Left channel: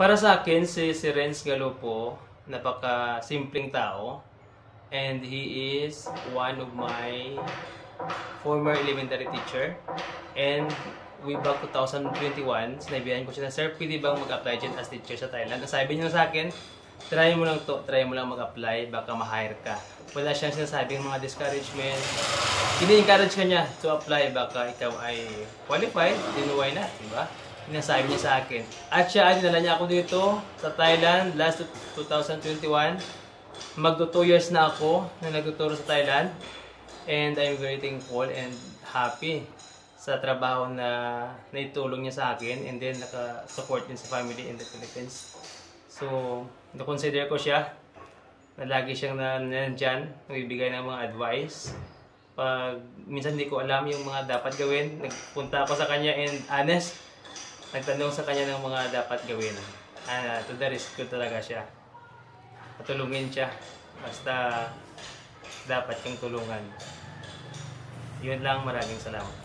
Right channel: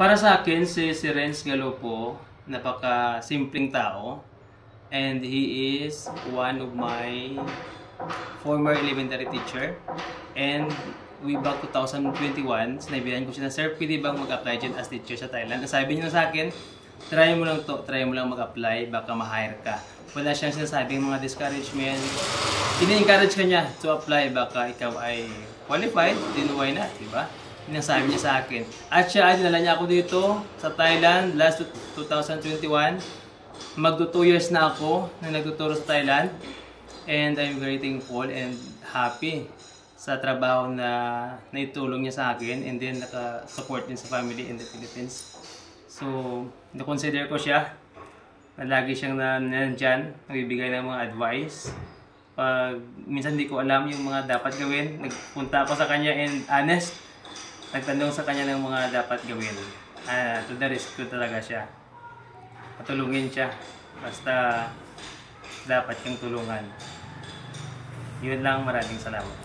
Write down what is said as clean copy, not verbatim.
Para sa akin, si Renz Galopo, napaka-simpleng tao. And he is one of my former elementary teacher. And way back 2021, sinabihan ko siya na, "Sir, pwede bang mag-apply dyan as teacher sa Thailand?" Sabi niya sa akin, try mo lang to, try mo lang mag-apply, baka ma-hire ka. Wala siyang sinasabing mga discouragement. Ini-encourage ka niya to apply, baka ikaw ay qualified, then why not, di ba? Yun ang sabi niya sa akin. At siya, dinala niya ako dito sa Thailand last 2021. Magto 2 years na ako na nagtuturo sa Thailand. And I'm very thankful and happy sa trabaho na naitulong niya sa akin. And then naka-support din sa family in the Philippines. So, na-consider ko siya na lagi siyang nandyan, nagbibigay ng mga advice. Pag minsan hindi ko alam yung mga dapat gawin, nagpunta ako sa kanya and honest, nagtanong sa kanya ng mga dapat gawin. To the rescue talaga siya. Patulungin siya. Basta dapat kang tulungan. Yun lang, maraming salamat.